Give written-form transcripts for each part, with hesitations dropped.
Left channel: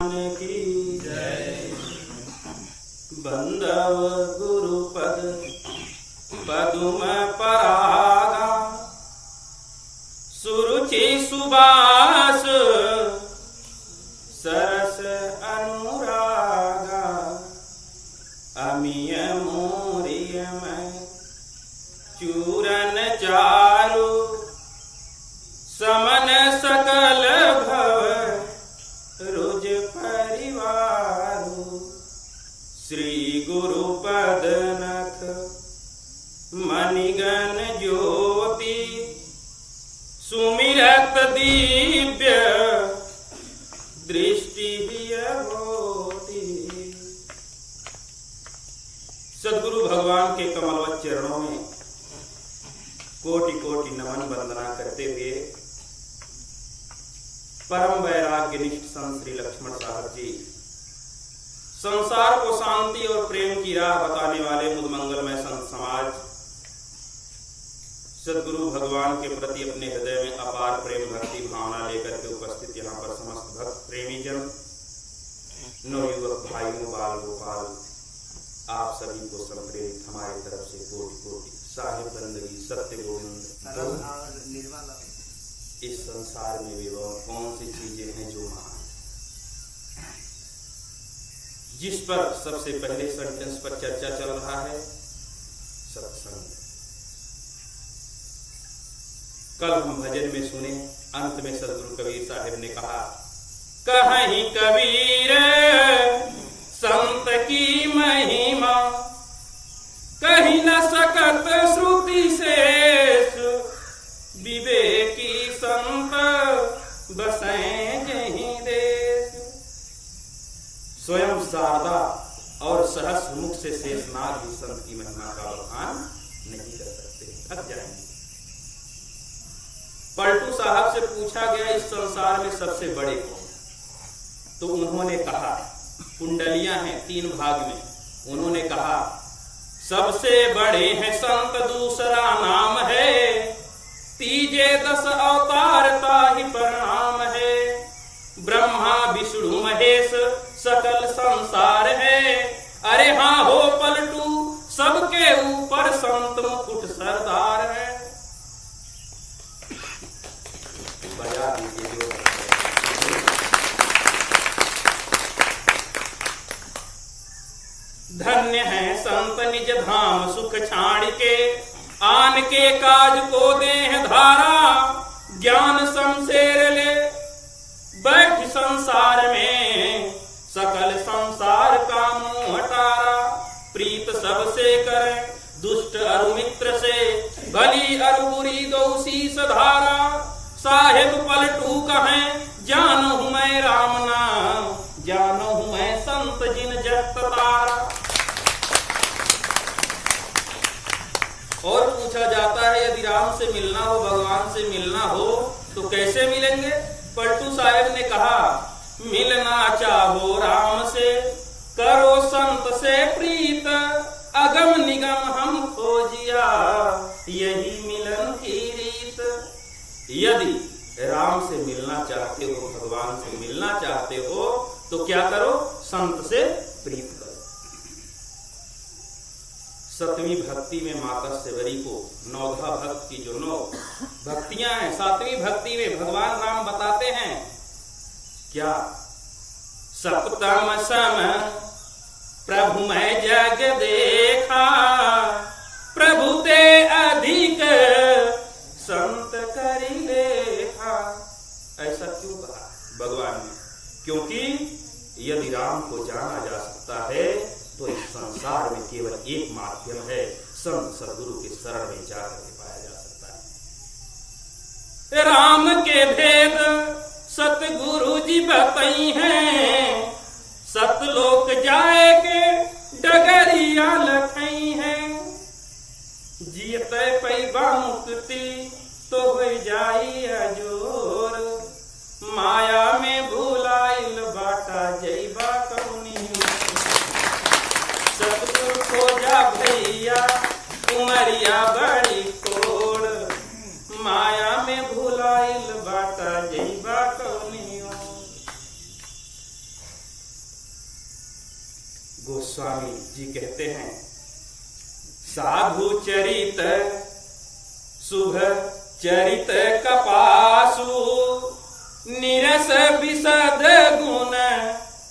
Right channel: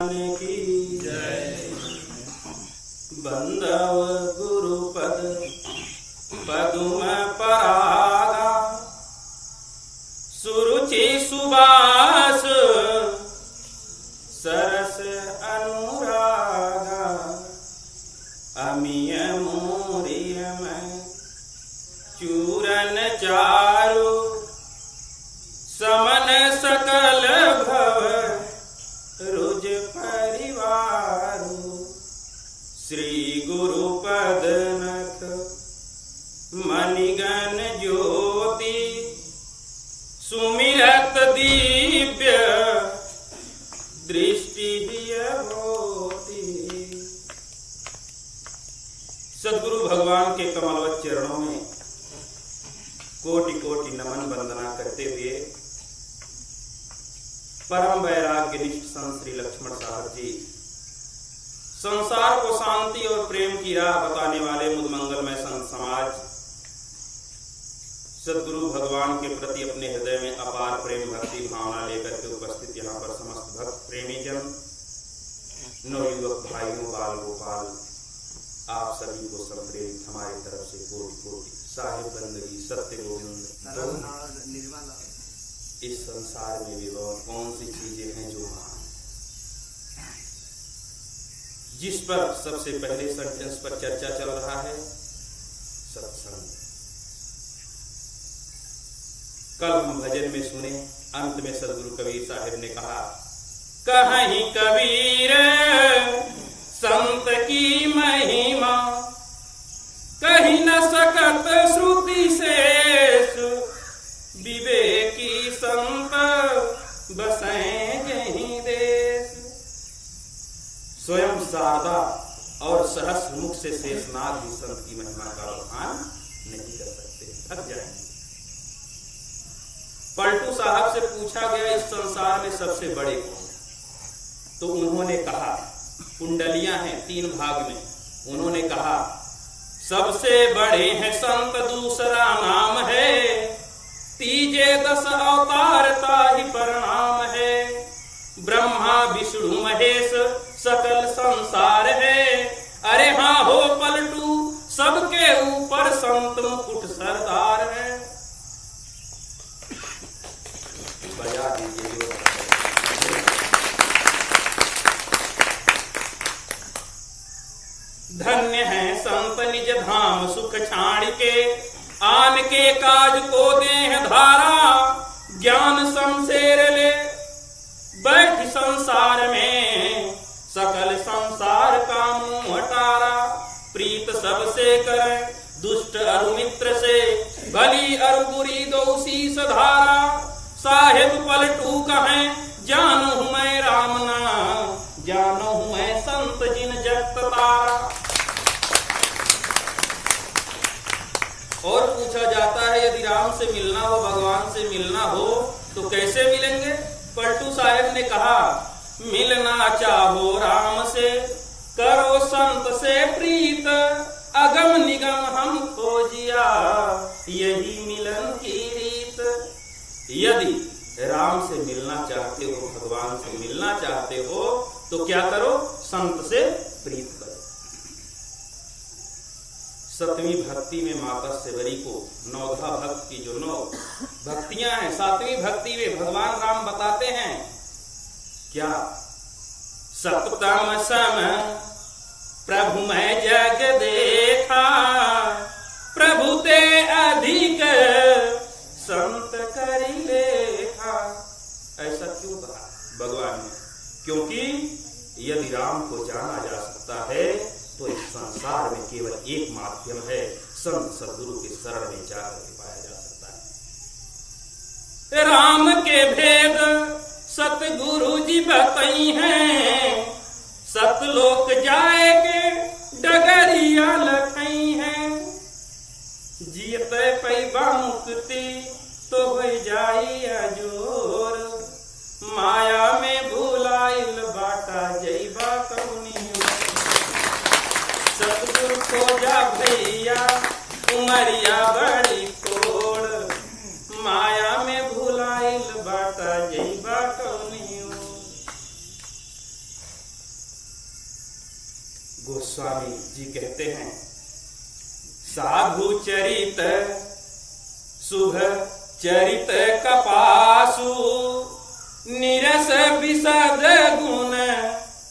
की जय। बंदव गुरुपद पदुम परागा, सुरुचि सुबास सरस अनुरागा। अमिय मोरिय में चूरन चारु, समन सकल भव रुज परिवारु। श्री गुरुपद नख मणिगण ज्योति, सुमिरत दिव्य दृष्टि होती। सद्गुरु भगवान के कमलवत चरणों में कोटि कोटि नमन वंदना करते हुए परम वैराग्य निष्ठ संत श्री लक्ष्मण साहब जी, संसार को शांति और प्रेम की राह बताने वाले मुदमंगलमय संत समाज, सद्गुरु भगवान के प्रति अपने हृदय में अपार प्रेम भक्ति भावना लेकर के उपस्थित यहाँ पर समस्त भक्त प्रेमी जन, नवयुवक भाइयों, बाल गोपाल, आप सभी को संप्रेरित हमारी तरफ से कोटि कोटि साहिब बंदगी सत्य गोविंद। इस संसार में भी वह कौन सी चीजें हैं जो महान, जिस पर सबसे पहले सेंटेंस पर चर्चा चल रहा है, सत्संग। कल हम भजन में सुने, अंत में सदगुरु कबीर साहिब ने कहा, कहीं कबीर संत की महिमा, कहीं न सकत श्रुति शेष। विवेकी संत बसें जहीं देश। स्वयं शारदा और सहस्र मुख से शेषनाग ही संत की महिमा का बखान नहीं कर सकते, थक जाएंगे। पलटू साहब से पूछा गया, इस संसार में सबसे बड़े कौन है? तो उन्होंने कहा, कुंडलियां हैं 3 भाग में, उन्होंने कहा सबसे बड़े हैं संत, दूसरा नाम है तीजे 10 अवतार ताहि प्रणाम है। ब्रह्मा विष्णु महेश सकल संसार है। अरे हाँ हो पलटू, सबके ऊपर संत मुकुट सरदार है। बजा दीजिए जो। धन्य है संत निज धाम सुख छाड़ के, आन के काज को देह धारा। ज्ञान शमशेर ले बैठ संसार में, सकल संसार का मुंह हटारा। प्रीत सबसे करे दुष्ट अरु मित्र से, भली अरु बुरी दो शीस धारा। साहेब पलटू कहें जानू मैं राम नाम, जानू मैं संत जिन जगत तारा। और पूछा जाता है, यदि राम से मिलना हो, भगवान से मिलना हो तो कैसे मिलेंगे? पलटू साहेब ने कहा, मिलना चाहो राम से, करो संत से प्रीत। अगम निगम हम खोजिया, यही मिलन की रीत। यदि राम से मिलना चाहते हो, भगवान से मिलना चाहते हो, तो क्या करो? संत से प्रीत करो। 7वीं भक्ति में माता सेवरी को नवधा भक्त की जो 9 भक्तियां हैं, 7वीं भक्ति में भगवान राम बताते हैं क्या? सप्तम सम प्रभु मैं जग देखा, प्रभु ते अधिक संत करी लेखा। ऐसा क्यों कहा भगवान ने? क्योंकि यदि राम को जाना जा सकता है तो इस संसार में केवल एक माध्यम है, संत सद्गुरु के शरण में जाकर के पाया जा सकता है। राम के भेद सतगुरु जी बताई हैं, सतलोक जाए के डगरिया लखई हैं। जियते पैबा मुक्ति तो हो जाई अजोर, माया में भूलाइल बाटा जैबा कौनी। सतगुरु खोजा भैया उमरिया बड़ी थोड़, माया में भूलाइल बाटा जैबा कौनी। गोस्वामी जी कहते हैं, साधु चरित शुभ चरित कपासु, निरस विशद गुण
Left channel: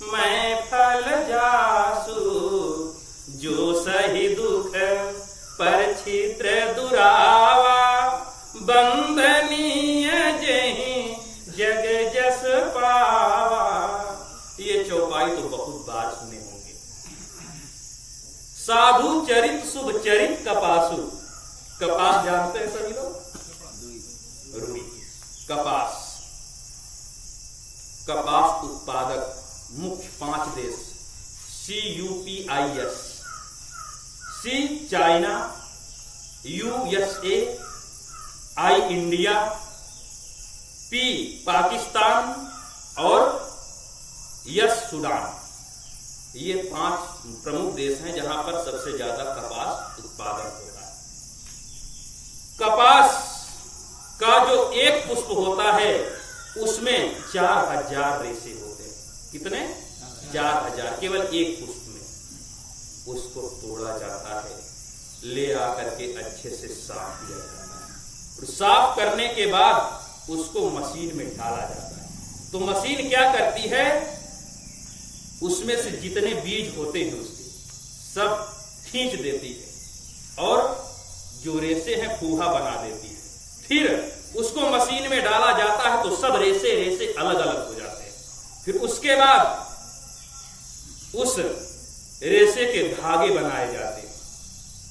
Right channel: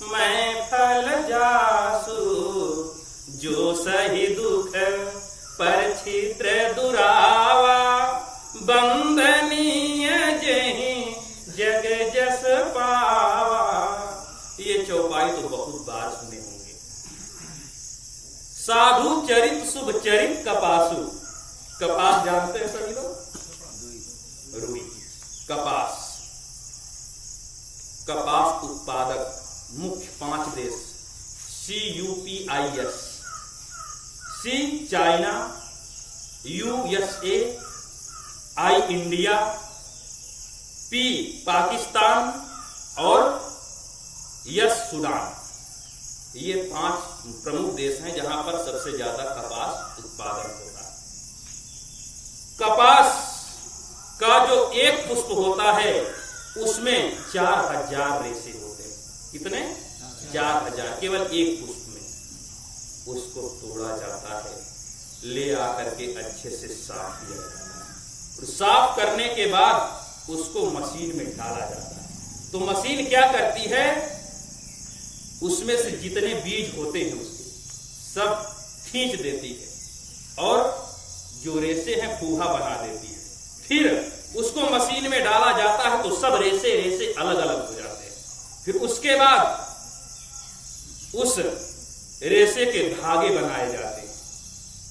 मैं फल जासु, जो सही दुख पर छिद्र दुरावा, बंदनीय जहीं जग जस पावा। ये चौपाई तो बहुत बार सुने होंगे। साधु चरित शुभ चरित कपासु। कपास जानते हैं सभी लोग? रुई। कपास, कपास उत्पादक मुख्य 5 देश, CUPIS, C China, USA, I India, P Pakistan और S सूडान। ये 5 प्रमुख देश हैं जहां पर सबसे ज्यादा कपास उत्पादन होता है। कपास का जो एक पुष्प होता है उसमें 4000 रेशे होते हैं। कितने? 4000, केवल एक पुष्प में। उसको तोड़ा जाता है, ले आकर के अच्छे से साफ किया जाता है और साफ करने के बाद उसको मशीन में डाला जाता है। तो मशीन क्या करती है, उसमें से जितने बीज होते हैं उसके सब खींच देती है और जो रेशे हैं फूहा बना देती है। फिर उसको मशीन में डाला जाता है तो सब रेशे रेशे अलग अलग हो जाते हैं। फिर उसके बाद उस रेशे के धागे बनाए जाते हैं।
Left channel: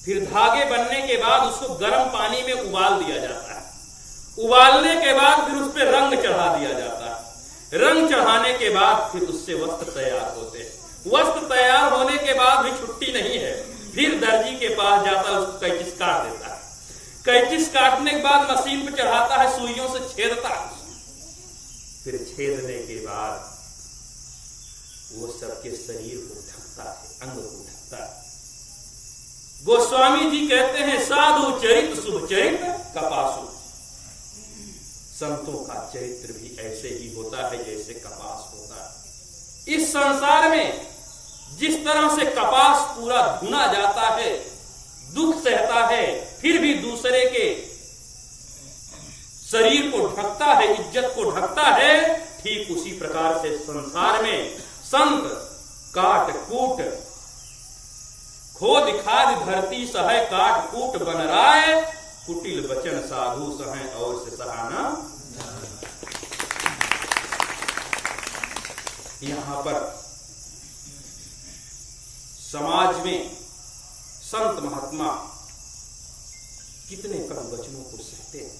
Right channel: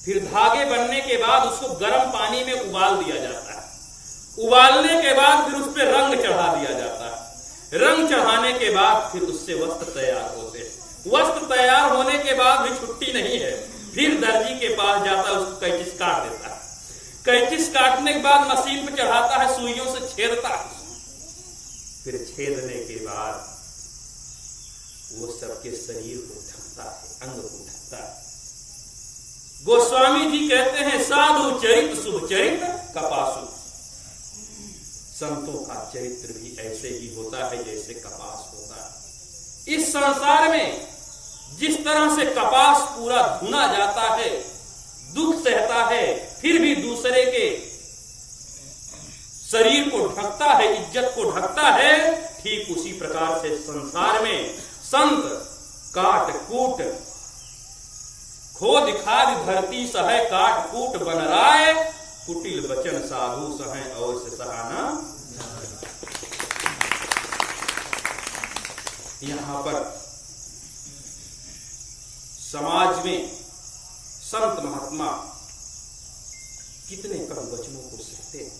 फिर धागे बनने के बाद उसको गर्म पानी में उबाल दिया जाता है। उबालने के बाद फिर उस पर रंग चढ़ा दिया जाता है। रंग चढ़ाने के बाद फिर उससे वस्त्र तैयार होते हैं। वस्त्र तैयार होने के बाद भी छुट्टी नहीं है, फिर दर्जी के पास जाता है, उसको कैंचिस काट देता है। कैंचिस काटने के बाद मशीन पर चढ़ाता है, सुइयों से छेदता है। फिर छेदने के बाद वो सबके शरीर को ढकता है, अंग को ढकता है। गोस्वामी जी कहते हैं, साधु चरित शुभ चरित कपासु। संतों का चरित्र भी ऐसे ही होता है जैसे कपास होता है। इस संसार में जिस तरह से कपास पूरा धुना जाता है, दुख सहता है, फिर भी दूसरे के शरीर को ढकता है, इज्जत को ढकता है, ठीक उसी प्रकार से संसार में संत काट कूट खोद खाद धरती सह काट कूट बन राय, कुटिल बचन साधु सह और से सहाना। यहां पर समाज में संत महात्मा कितने कड़ू वचनों को सहते हैं।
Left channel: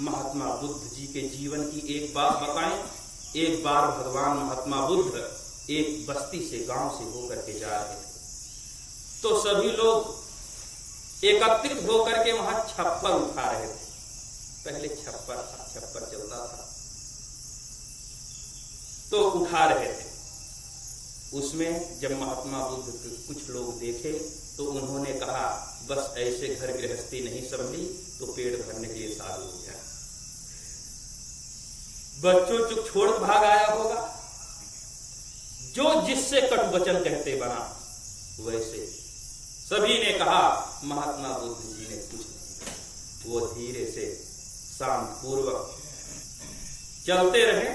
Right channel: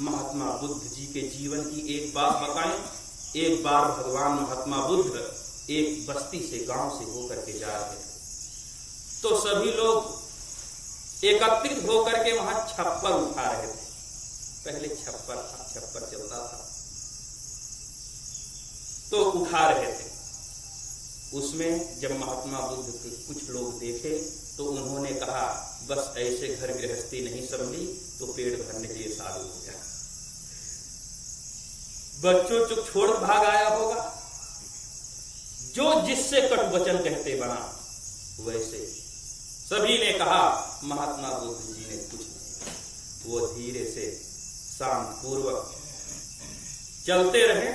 महात्मा बुद्ध जी के जीवन की एक बात बताएं। एक बार भगवान महात्मा बुद्ध एक बस्ती से, गांव से होकर के जा रहे थे, तो सभी लोग एकत्रित होकर के वहां छप्पर उठा रहे थे। पहले छप्पर था, छप्पर चलता था तो उठा रहे थे। उसमें जब महात्मा बुद्ध के कुछ लोग देखे तो उन्होंने कहा, बस ऐसे घर गृहस्थी नहीं संभली तो पेट भरने के लिए साधु हो गया। बच्चों चुप छोड़ भाग आया होगा। जो जिससे कटु वचन कहते बना वैसे सभी ने कहा। महात्मा बुद्ध जी ने कुछ नहीं कहा, वो धीरे से शांत पूर्वक चलते रहे।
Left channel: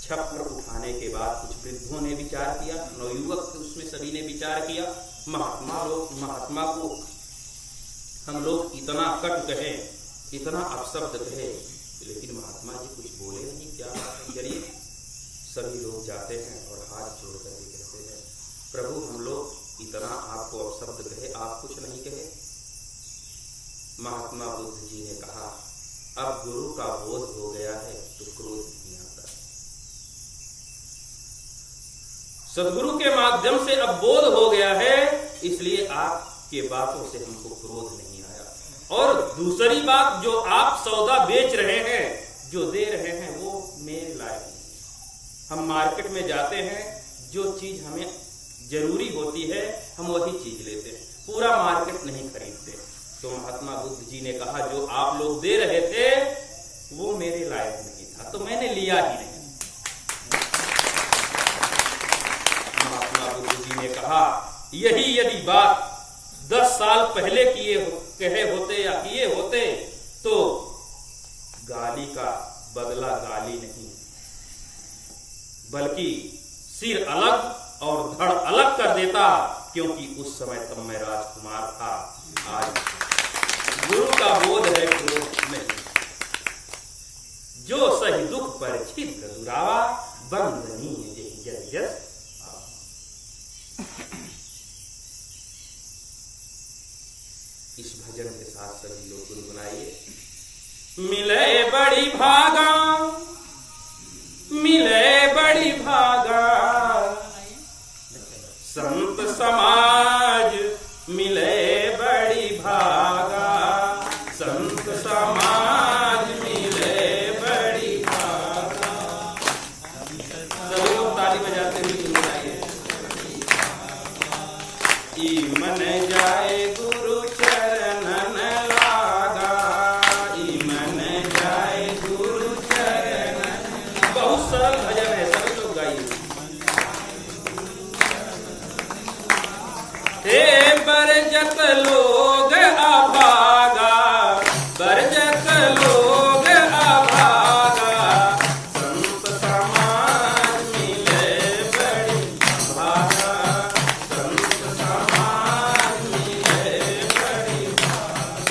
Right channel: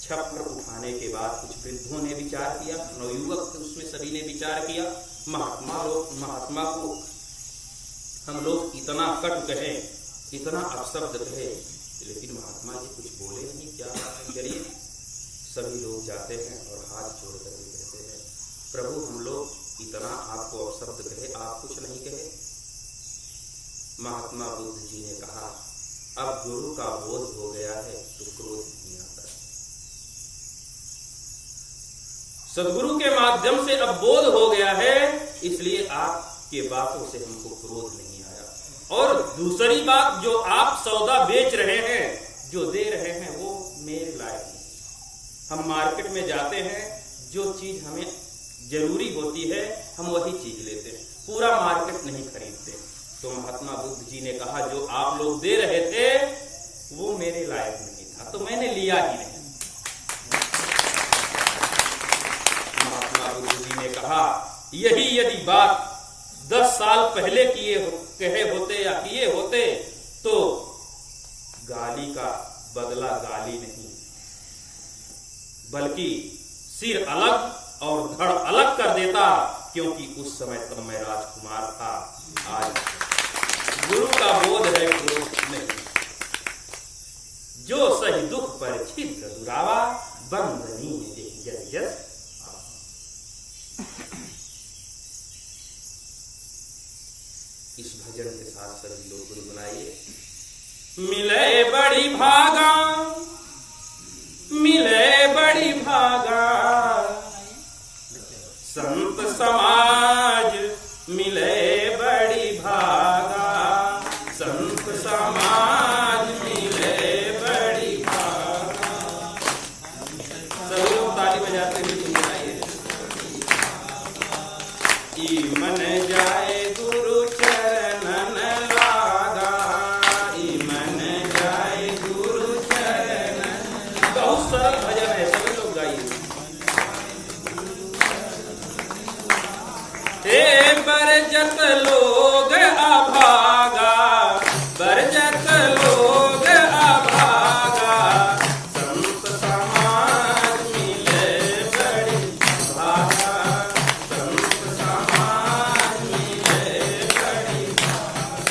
छप्पर उठाने के बाद कुछ वृद्धों ने विचार किया, नवयुवक थे उसमें, सभी ने विचार किया, महात्मा को हम लोग इतना कटु कहे, इतना अपशब्द कहे, लेकिन महात्मा जी कुछ बोले नहीं, क्या बात है। चलिए सभी लोग जाते हैं और हाथ जोड़ करके कहते हैं, प्रभु हम लोग इतना आपको अपशब्द कहे, आप कुछ नहीं कहे। महात्मा बुद्ध जी ने कहा, अब गुरु का बोध हो गया है तो क्रोध नहीं आता है। सदगुरु के माध्यम से अब बोध हो गया है, इसलिए आपके बातों से हमको क्रोध नहीं आया। और दूसरी बात, जो आप सौदा बेच रहे हैं, जो दे रहे हैं, वो मेरे लायक नहीं। हम मार्केट में जाते हैं, जो चीज हमें जरूरी होती है हम वही चीज लेते हैं, पूरा मार्केट नहीं खरीदते। तो महात्मा बुद्ध जी ने कहा, जो आप लोग दे रहे थे वो मेरे लायक नहीं था, तो मैंने लिया ही नहीं। महात्मा बुद्ध जी ने कहा, कहा, यही यदि बात 10 साल पहले कहे होते या किए होते तो गाली का बदला गाली नहीं, बल्कि सिर अलग और धड़ अलग कर देता, क्योंकि उस समय तब मैं राजकुमार था। आज गुरु का बोध है, क्रोध नहीं। जो सही दुख पर छिद्र दुरावा, बंदनीय जेहि जग जस। इस भजन के साथ सभी लोग गुनगुनाइए। मिले बड़ी भागा, मिले बड़ी भागा, संत समाज मिले बड़ी भागा, संत समाज मिले बड़ी भागा। सभी लोग ताली बजाते हुए गुनगुनाइए। ई मन जाए गुरु चरणन लागा, ई मन जाए गुरु चरणन। बहुत सरल भजन है, सभी लोग गाइए। हे बरजत लोग अभागा, बरजत लोग अभागा, संत समाज मिले बड़ी भागा, संत समाज मिले बड़ी भागा।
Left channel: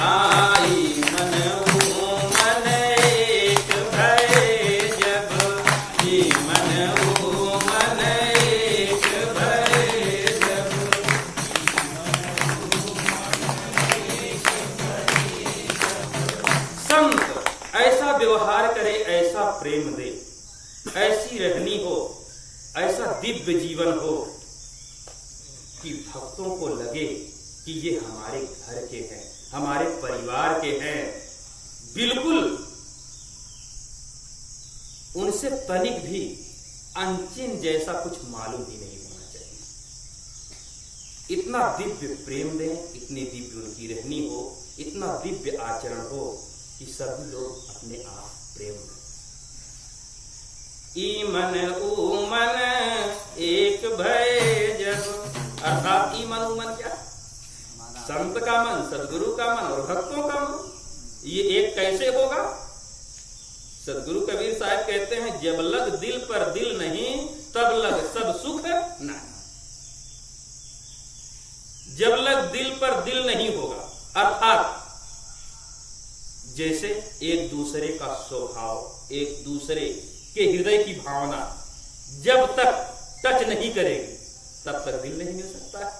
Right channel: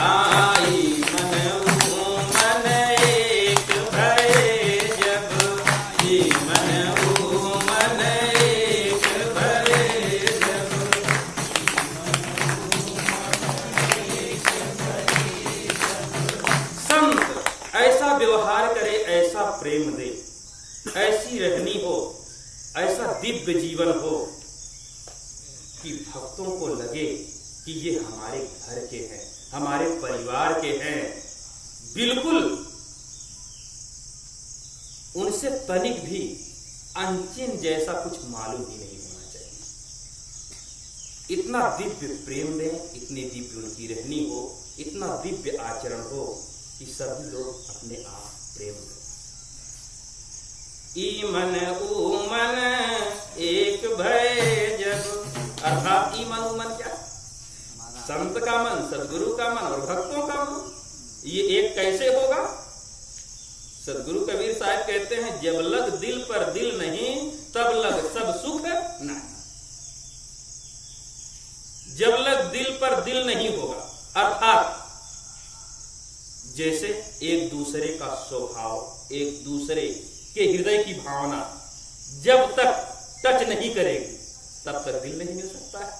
आई मन मन एक भय जब, मन मन एक भय जब। संत ऐसा व्यवहार करे, ऐसा प्रेम दे, ऐसी रहनी हो, ऐसा दिव्य जीवन हो कि भक्तों को लगे कि ये हमारे घर के हैं, हमारे परिवार के हैं। बिल्कुल उनसे तनिक भी अनचिन जैसा कुछ मालूम ही नहीं होना चाहिए। इतना दिव्य प्रेम दें, इतनी दिव्य उनकी रहनी हो, इतना दिव्य आचरण हो कि सभी लोग अपने आप प्रेम करें। ई मन ऊ मन एक भय जब, अर्थात ई मन ऊ मन क्या? संत का मन, सदगुरु का मन और भक्तों का मन। ये एक कैसे होगा? सदगुरु कबीर साहब कहते हैं, जब लग दिल पर दिल नहीं, तब लग सब सुख नहीं। जब लग दिल पर दिल नहीं होगा, अर्थात जैसे एक दूसरे का स्वभाव, एक दूसरे के हृदय की भावना जब तक टच नहीं करेगी, तब तक दिल नहीं मिल सकता है।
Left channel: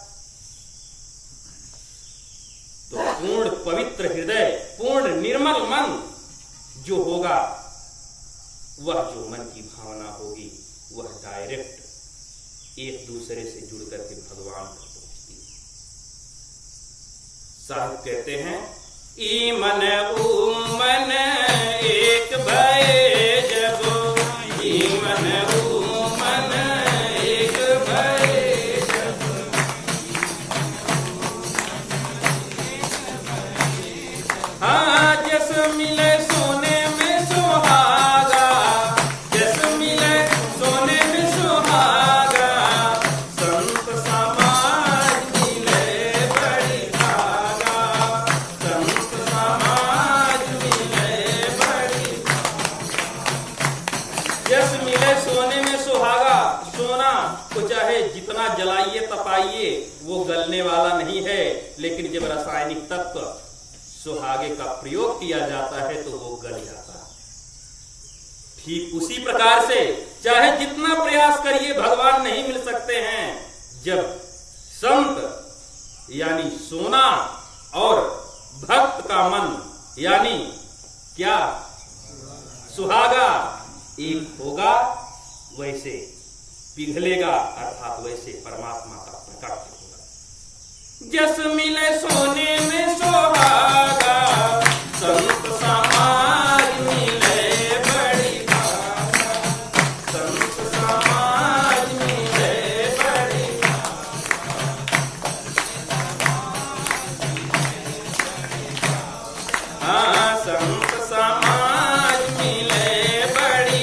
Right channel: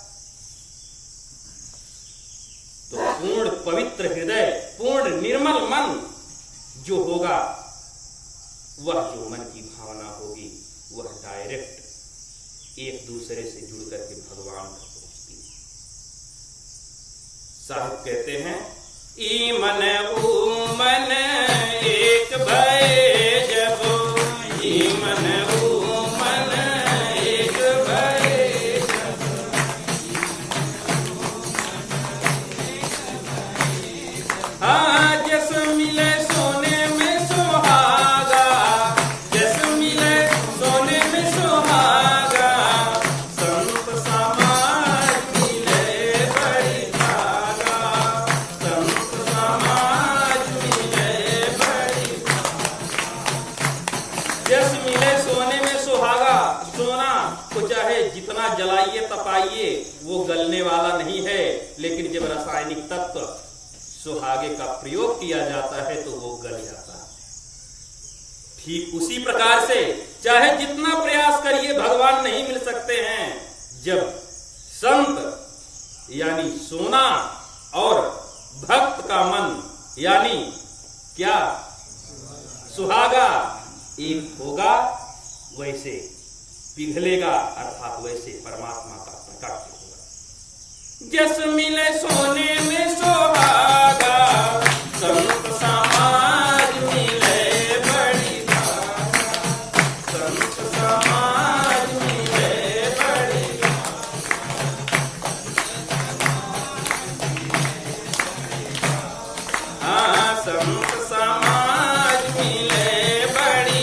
तो पूर्ण पवित्र हृदय, पूर्ण निर्मल मन जो होगा, वह जो मन की भावना होगी, वह डायरेक्ट एक दूसरे से जुड़ करके भगवान तक पहुंचती है। साहिब कहते हैं, ई मन ऊ मन एक भय जब, ई मन ऊ मन एक भय जब। हाँ, जस मिले सोने में सुहागा, जस मिले सोने में सुहागा, संत समाज मिले बड़ी भागा, संत समाज मिले बड़ी। जस मिले सोने में सुहागा, सोना को चाहे जितना जलाइए तपाइए वो गलने वाला नहीं है, लेकिन जब रासायनिक तत्व सुहागे का प्रयोग किया जाता है तो वो गल जाता है। ठीक उसी प्रकार से चाहे जितना प्रयास करिए भगवान नहीं मिल सकते हैं। जब संत यानी सोना और भक्त का मन यानी क्या सुहागा एक होगा, वैसे पिघलेगा, अर्थात वैसे परमात्मा का प्रकट होगा। जस मिले सोने में सुहागा, संत समाज मिले बड़ी भागा, संत समाज मिले बड़ी भागा। हाँ, संत समाज मिले बड़ी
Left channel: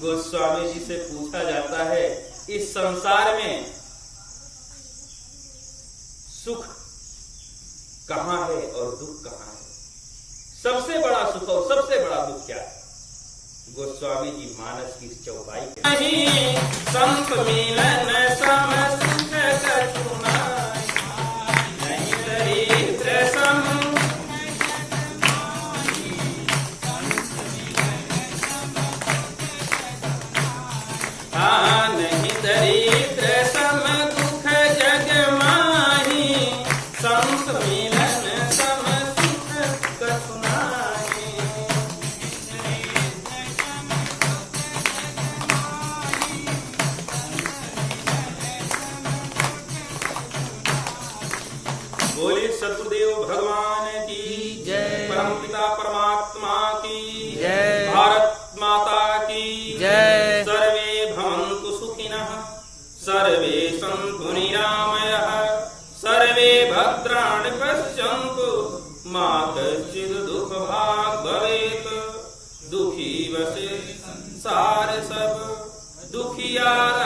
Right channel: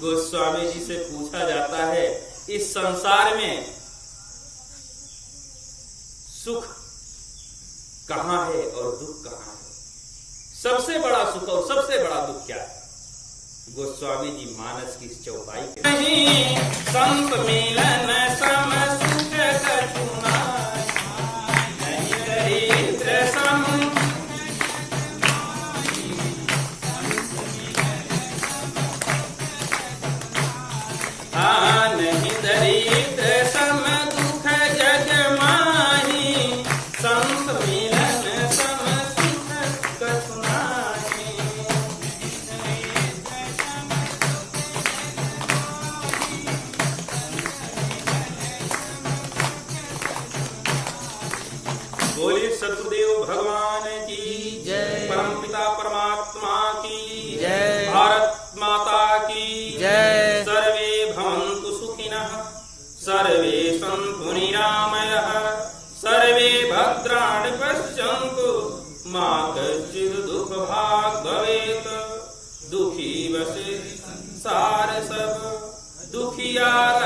गोस्वामी जी से पूछा जाता है, इस संसार में सुख कहाँ है और दुख कहाँ है? सबसे बड़ा सुख और सबसे बड़ा दुख क्या है? गोस्वामी जी मानस की चौपाई नहीं संत मिलन सम सुख कछु नाय, नहीं दरिद्र सम नहीं दरिद्र सम दुख जग माही, संत मिलन सम सुख कछु नाहि। बोले सद्गुरुदेव भगवान की जय, परमपिता परमात्मा की जय, भारत माता की जय। सर्वे भवन्तु सुखिनः, सर्वे सन्तु निरामयः, सर्वे भद्राणि पश्यन्तु, मा कश्चित् दुःखभाग् भवेत्। दुखी बसे संसार सब, दुखियारा